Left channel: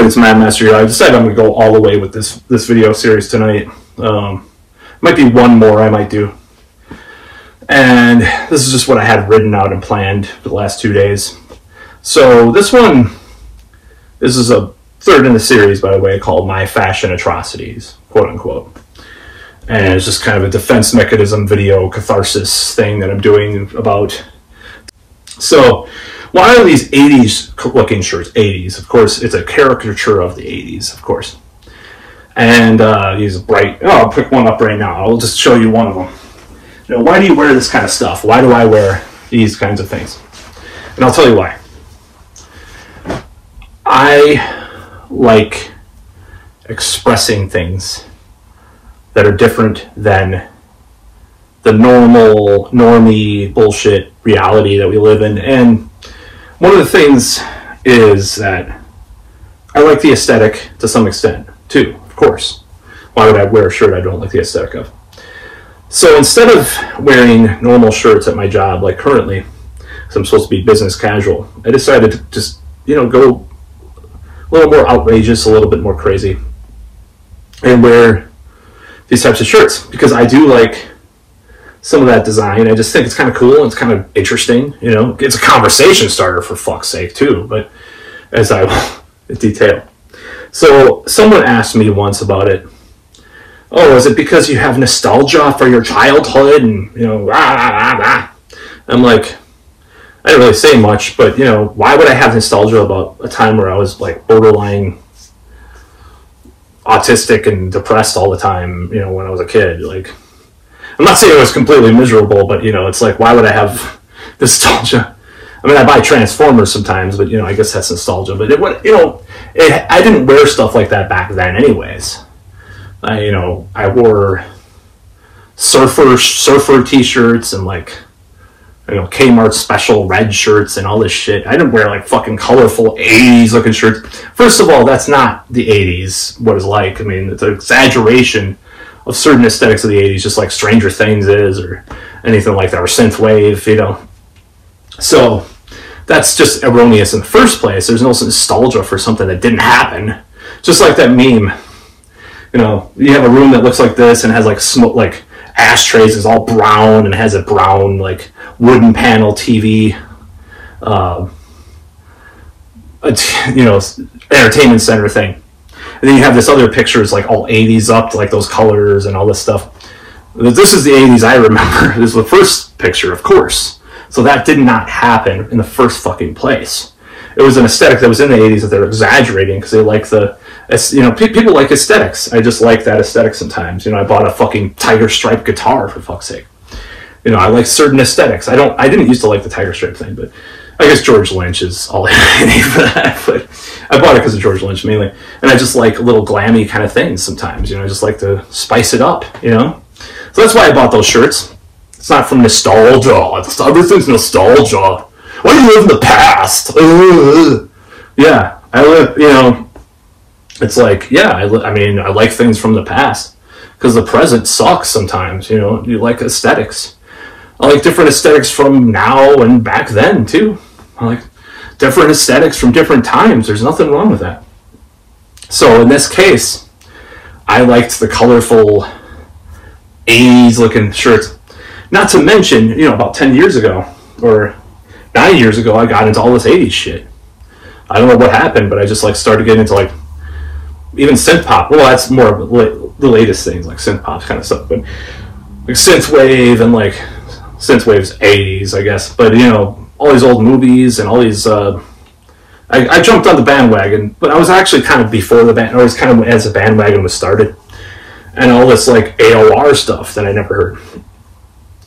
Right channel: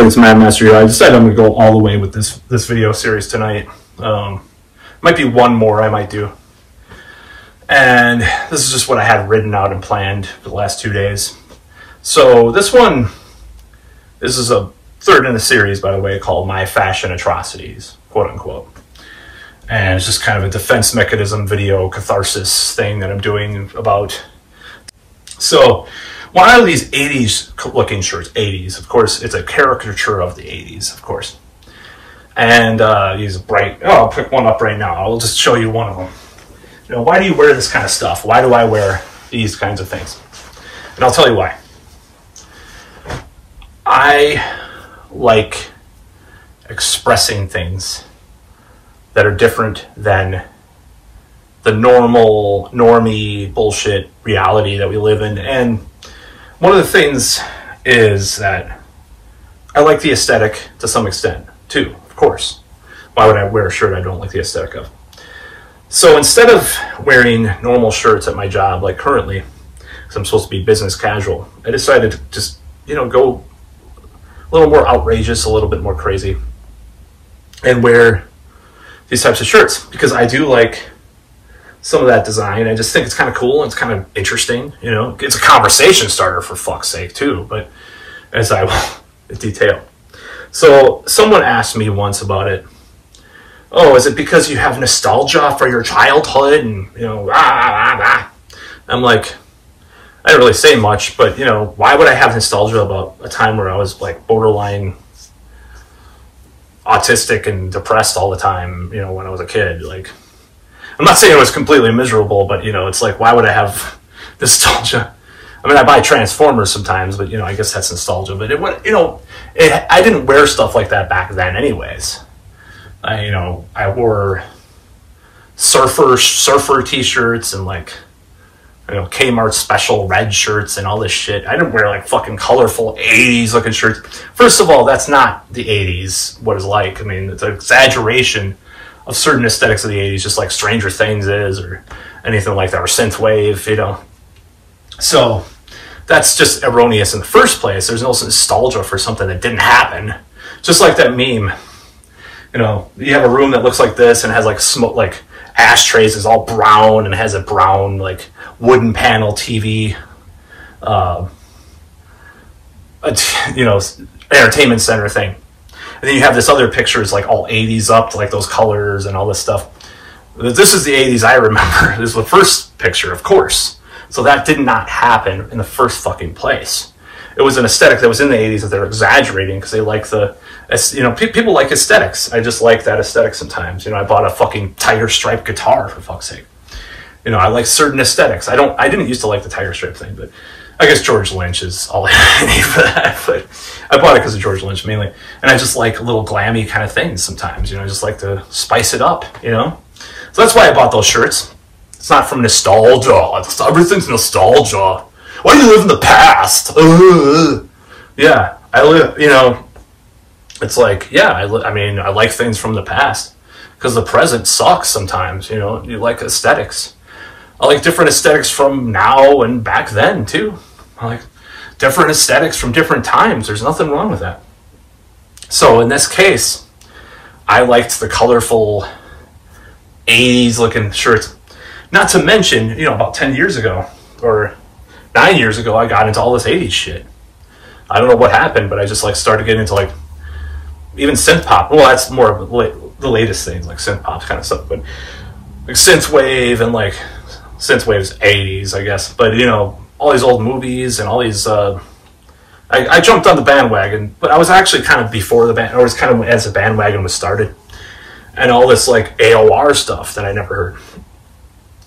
everybody, it's Madmaster here. I decided I'm going to go all the way with this video series tonight. Might be one more I might do. And this is just what I had written out and planned for the last 2 days. So this is a third in the series, by the way, called My Fashion Atrocities, quote unquote. And it's just kind of a defense mechanism video catharsis thing that I'm doing about. So one of these 80s looking shirts, 80s, of course, it's a caricature of the 80s, of course. And these bright, I'll pick one up right now. I'll just show you one of them. You know, why do you wear this kind of stuff? Why do I wear these kinds of things? And I'll tell you why. I like expressing things that are different than the normie bullshit reality that we live in. And one of the things is that I like the aesthetic to some extent too, of course. Why would I wear a shirt I don't like the aesthetic of? So instead of wearing normal shirts at my job, like currently, because I'm supposed to be business casual, I decided to just, you know, go a little more outrageous, a little bit more crazy, and wear these types of shirts, because I do like some of that design. I just think it's kind of cool and it's kind of interesting, you know. It's a conversation starter, for fuck's sake, too, but as I will detail. So someone asked me once about it. Oh, is it because you have nostalgia for your childhood and, you know, rah, rah, rah, rah. I'm like, I didn't really say much, but, you know, why would I have nostalgia about a time where I was like borderline autistic and depressed all the time, you know, when I was a kid? Like, I'm not saying it was completely miserable, but, you know, it's like, why would I have nostalgia? I mean, I buy Transformers sometimes, but, you know, I guess that's nostalgia. But it would, you know, I didn't wear stuff like that back then anyways. You know, I wore surfer t-shirts and, like, you know, Kmart special red shirts and all this shit. I didn't wear like fucking colorful 80s looking shirts. First of all, that's not the 80s, what it's like. I mean, it's an exaggeration of certain aesthetics of the 80s, just like Stranger Things is, or anything like that, or synthwave, you know. So that's just erroneous in the first place. There's no nostalgia for something that didn't happen. Just like that meme. You know, you have a room that looks like this and has like smoke, like ashtrays, is all brown and has a brown like wooden panel TV, you know, entertainment center thing. And then you have this other picture, it's like all 80s up, like those colors and all this stuff. This is the 80s I remember. This is the first picture, of course. So that did not happen in the first fucking place. It was an aesthetic that was in the 80s that they're exaggerating because they like the, you know, people like aesthetics. I just like that aesthetic sometimes. You know, I bought a fucking tiger stripe guitar, for fuck's sake. You know, I like certain aesthetics. I didn't used to like the tiger stripe thing, but I guess George Lynch is all I need for that. But I bought it because of George Lynch mainly. And I just like little glammy kind of things sometimes. You know, I just like to spice it up, you know? So that's why I bought those shirts. It's not from nostalgia. Everything's nostalgia. Why do you live in the past? Yeah, I live, you know, it's like, yeah, I mean, I like things from the past because the present sucks sometimes, you know. You like aesthetics. I like different aesthetics from now and back then, too. I like different aesthetics from different times. There's nothing wrong with that. So in this case, I liked the colorful 80s looking shirts. Not to mention, you know, about 10 years ago or 9 years ago, I got into all this 80s shit. I don't know what happened, but I just like started getting into like even synth pop. Well, that's more of the latest things, like synth pop kind of stuff, but like synthwave and like synthwave's 80s, I guess. But you know, all these old movies and all these. I jumped on the bandwagon, but I was actually kind of before the band, or it's kind of as the bandwagon was started, and all this like AOR stuff that I never heard,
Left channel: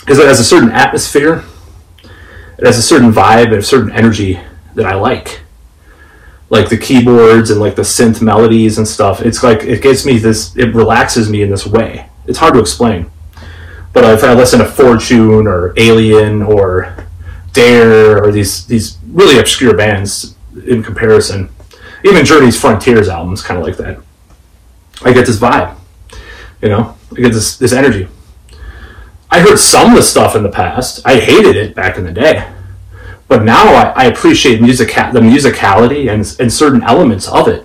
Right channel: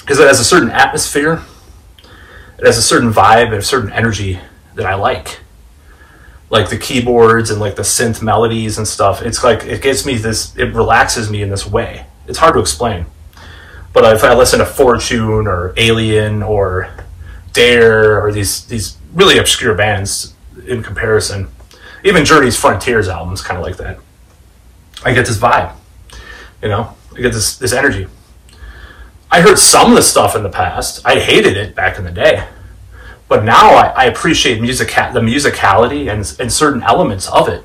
because it has a certain atmosphere. It has a certain vibe and a certain energy that I like the keyboards and like the synth melodies and stuff. It's like, it gives me this, it relaxes me in this way. It's hard to explain. But if I listen to Fortune or Alien or Dare or these really obscure bands in comparison, even Journey's Frontiers album is kind of like that. I get this vibe, you know, I get this energy. I heard some of the stuff in the past. I hated it back in the day. But now I appreciate the musicality and certain elements of it.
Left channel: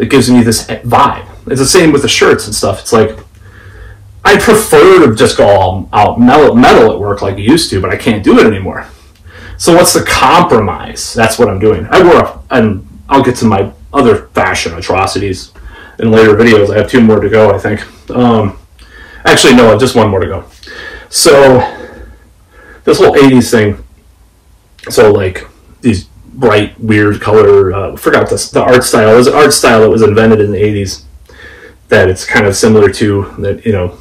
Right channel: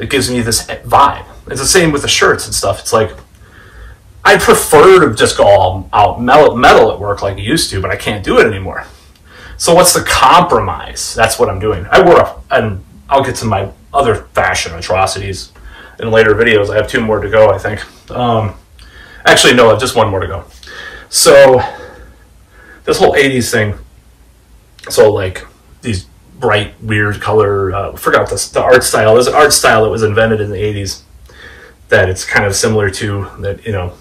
that gives me this vibe. It's the same with the shirts and stuff. It's like, I prefer to just go all out metal at work like I used to, but I can't do it anymore. So what's the compromise? That's what I'm doing. And I'll get to my other fashion atrocities in later videos. I have 2 more to go, I think. Actually, no, just 1 more to go. So this whole 80s thing, so like these bright, weird color, forgot the art style. There's an art style that was invented in the 80s that it's kind of similar to, that, you know,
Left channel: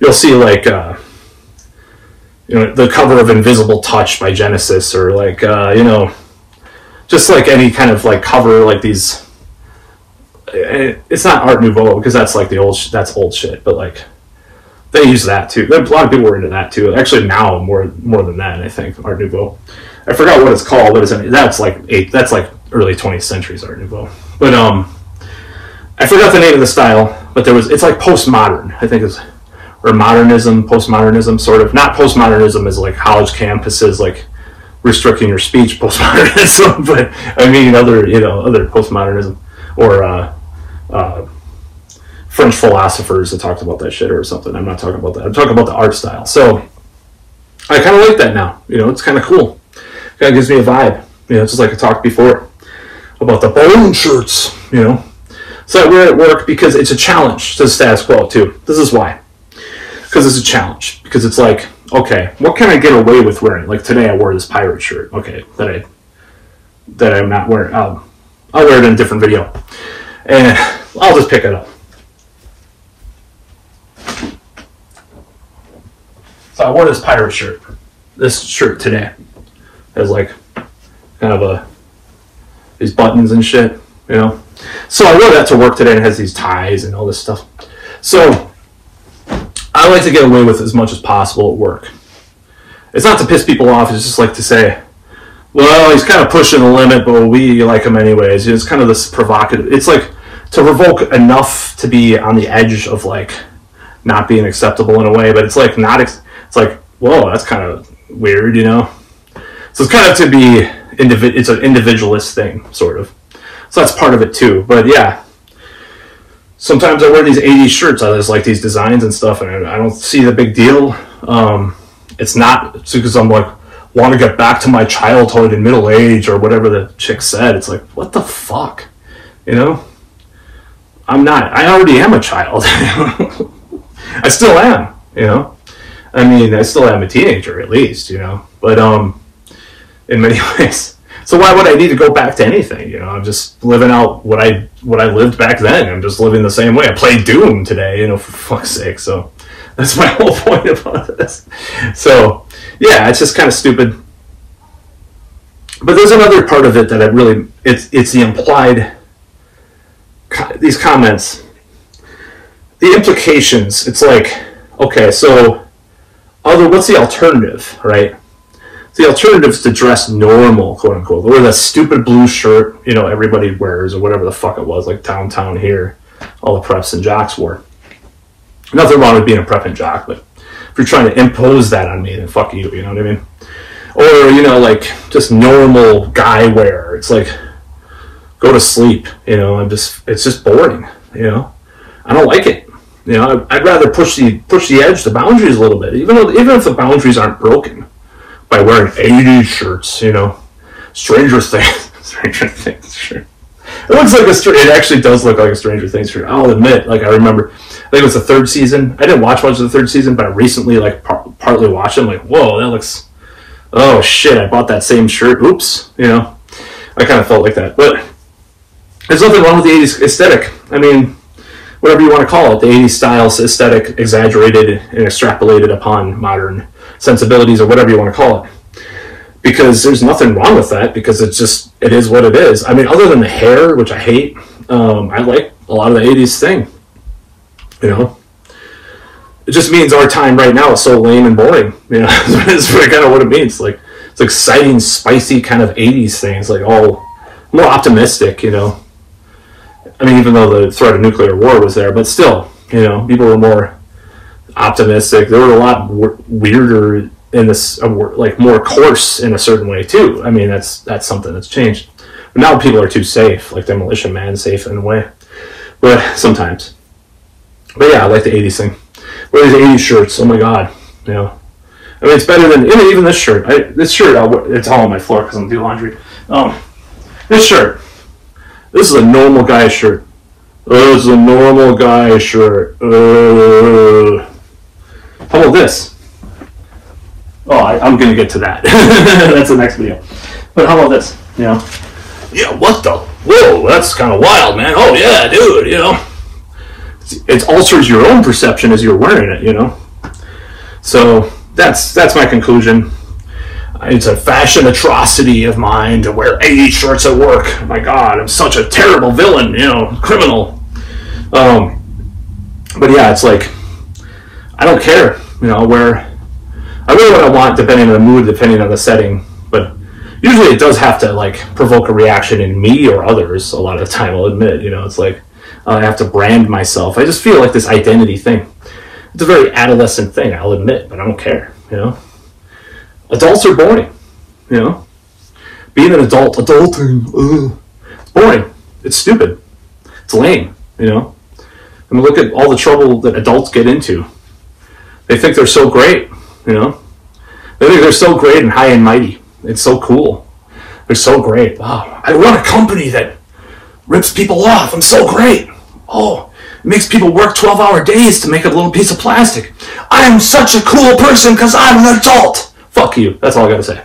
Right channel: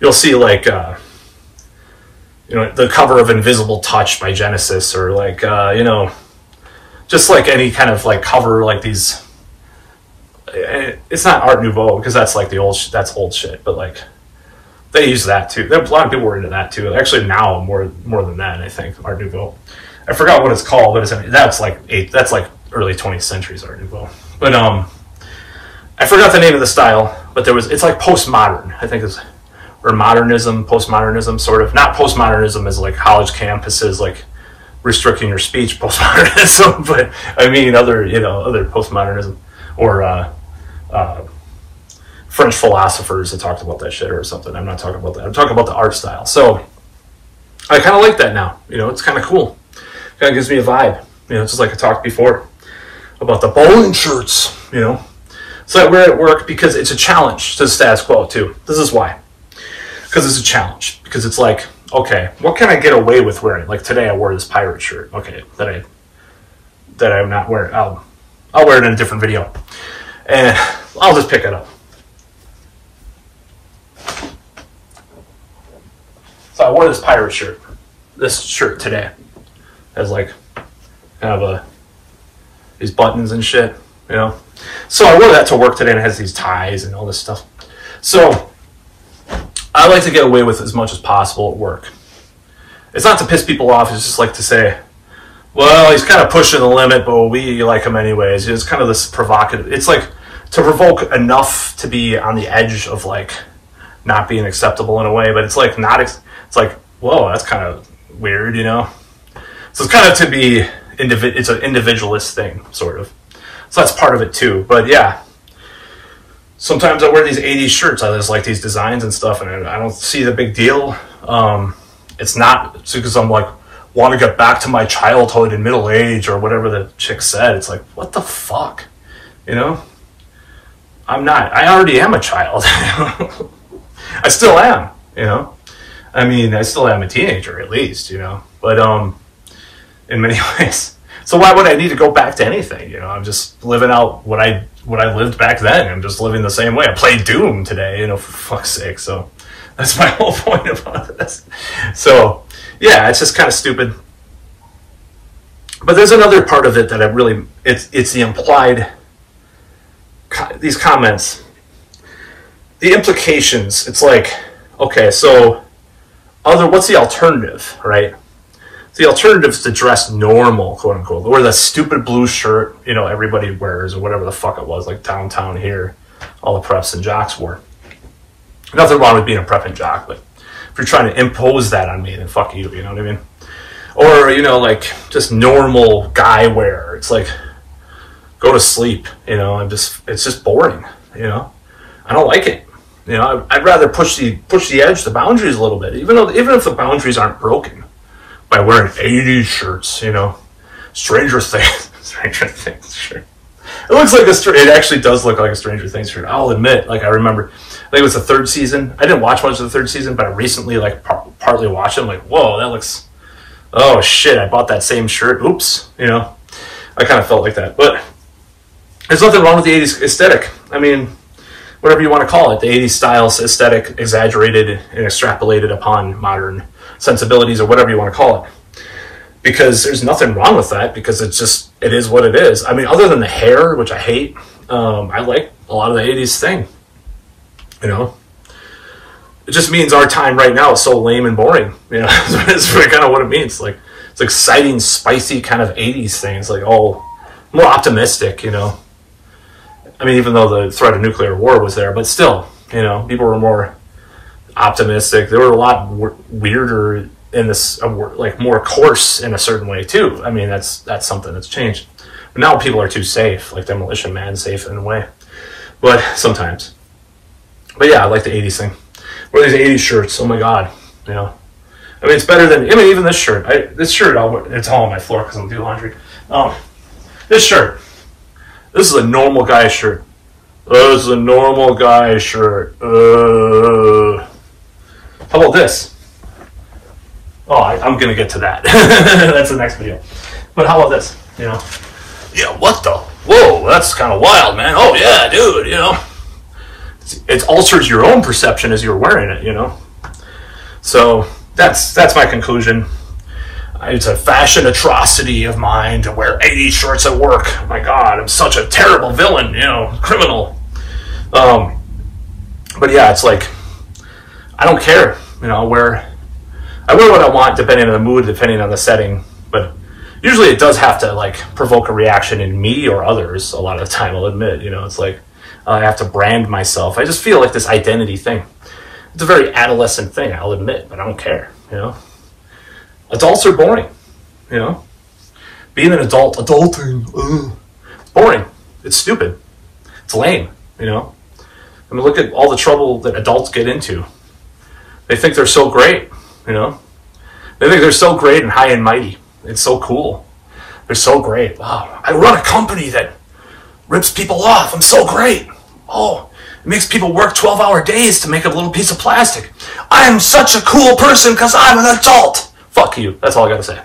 you'll see like, you know, the cover of Invisible Touch by Genesis, or like, you know, just like any kind of like cover, like these, it's not Art Nouveau because that's like the old, that's old shit, but like they use that too. A lot of people were into that too. Actually now more than that, I think, Art Nouveau. I forgot what it's called, but that's like early 20th century's Art Nouveau. But I forgot the name of the style, but it's like postmodern, I think, is, or modernism, postmodernism, sort of. Not postmodernism as like college campuses, like restricting your speech postmodernism, but I mean other postmodernism, or French philosophers that talked about that shit or something. I'm not talking about that. I'm talking about the art style. So I kind of like that now. You know, it's kind of cool. Kind of gives me a vibe. You know, just like I talked before about the bone shirts, you know. So I wear it at work because it's a challenge to the status quo too. This is why. Because it's a challenge. Because it's like, okay, what can I get away with wearing? Like today I wore this pirate shirt. Okay, that I'm not wearing. I'll wear it in a different video. And I'll just pick it up. So I wore this pirate shirt. This shirt today has like kind of these buttons and shit, you know. So I wore that to work today, and it has these ties and all this stuff. So I like to get away with as much as possible at work. It's not to piss people off. It's just like to say, well, he's kind of pushing the limit, but we like him anyways. It's kind of this provocative. It's like to provoke enough to be on the edge of like not being acceptable in a way, but it's like not. It's like, whoa, that's kind of weird, you know. So it's kind of to be it's an individualist thing, sort of. So that's part of it too. But yeah, sometimes I wear these 80s shirts. I just like these designs and stuff, and I don't see the big deal. It's not because I'm like, want to get back to my childhood and middle age or whatever the chick said. It's like, what the fuck, you know? I'm not. I already am a child. I still am, you know. I mean, I still am a teenager at least, you know. But in many ways. So why would I need to go back to anything? You know, I'm just living out what I lived back then. I'm just living the same way. I played Doom today, you know, for fuck's sake. So that's my whole point about this. So yeah, it's just kind of stupid. But there's another part of it that I really, it's the implied, these comments, the implications. It's like, okay, so what's the alternative, right? The alternative is to dress normal, quote unquote. Wear that stupid blue shirt, you know, everybody wears, or whatever the fuck it was, like downtown here, all the preps and jocks wore. Nothing wrong with being a prep and jock, but if you're trying to impose that on me, then fuck you, you know what I mean? Or, you know, like just normal guy wear. It's like, go to sleep, you know, it's just boring, you know? I don't like it. You know, I'd rather push the edge, the boundaries a little bit, even if the boundaries aren't broken, by wearing 80s shirts, you know. Stranger Things shirt. It looks like it actually does look like a Stranger Things shirt. I'll admit, like I remember, I think it was the 3rd season. I didn't watch much of the 3rd season, but I recently like partly watched it. I'm like, whoa, that looks, oh shit, I bought that same shirt. Oops, you know. I kind of felt like that. But there's nothing wrong with the 80s aesthetic. I mean, whatever you want to call it, the 80s style aesthetic, exaggerated and extrapolated upon modern sensibilities, or whatever you want to call it, because there's nothing wrong with that, because it is what it is. I mean, other than the hair, which I hate, I like a lot of the 80s thing, you know. It just means our time right now is so lame and boring, you know. It's kind of what it means. Like, it's exciting, spicy kind of 80s things, like all more optimistic, you know. I mean, even though the threat of nuclear war was there, but still, you know, people were more optimistic. They were a lot weirder in this, like more coarse in a certain way too. I mean, that's something that's changed. But now people are too safe, like Demolition Man safe in a way. But sometimes. But yeah, I like the 80s thing. Wear these 80s shirts, oh my god. You know. I mean, it's better than, I mean, even this shirt. This shirt, it's all on my floor because I'm doing laundry. This shirt. This is a normal guy shirt. This is a normal guy shirt. How about this? Oh, I'm going to get to that. That's the next video. But how about this? You know? Yeah, what the? Whoa, that's kind of wild, man. Oh, yeah, dude, you know? It alters your own perception as you're wearing it, you know? So that's my conclusion. It's a fashion atrocity of mine to wear 80 shirts at work. Oh my God, I'm such a terrible villain, you know, criminal. But yeah, it's like, I don't care, you know, I wear what I want depending on the mood, depending on the setting. But usually it does have to like provoke a reaction in me or others a lot of the time, I'll admit, you know, it's like I have to brand myself. I just feel like this identity thing. It's a very adolescent thing, I'll admit, but I don't care, you know. Adults are boring, you know. Being an adult, adulting, it's boring. It's stupid. It's lame, you know. I mean, look at all the trouble that adults get into. They think they're so great, you know. They think they're so great and high and mighty. It's so cool. They're so great. Wow, I run a company that rips people off. I'm so great. Oh, it makes people work 12-hour days to make a little piece of plastic. I am such a cool person because I'm an adult. Fuck you. That's all I gotta say.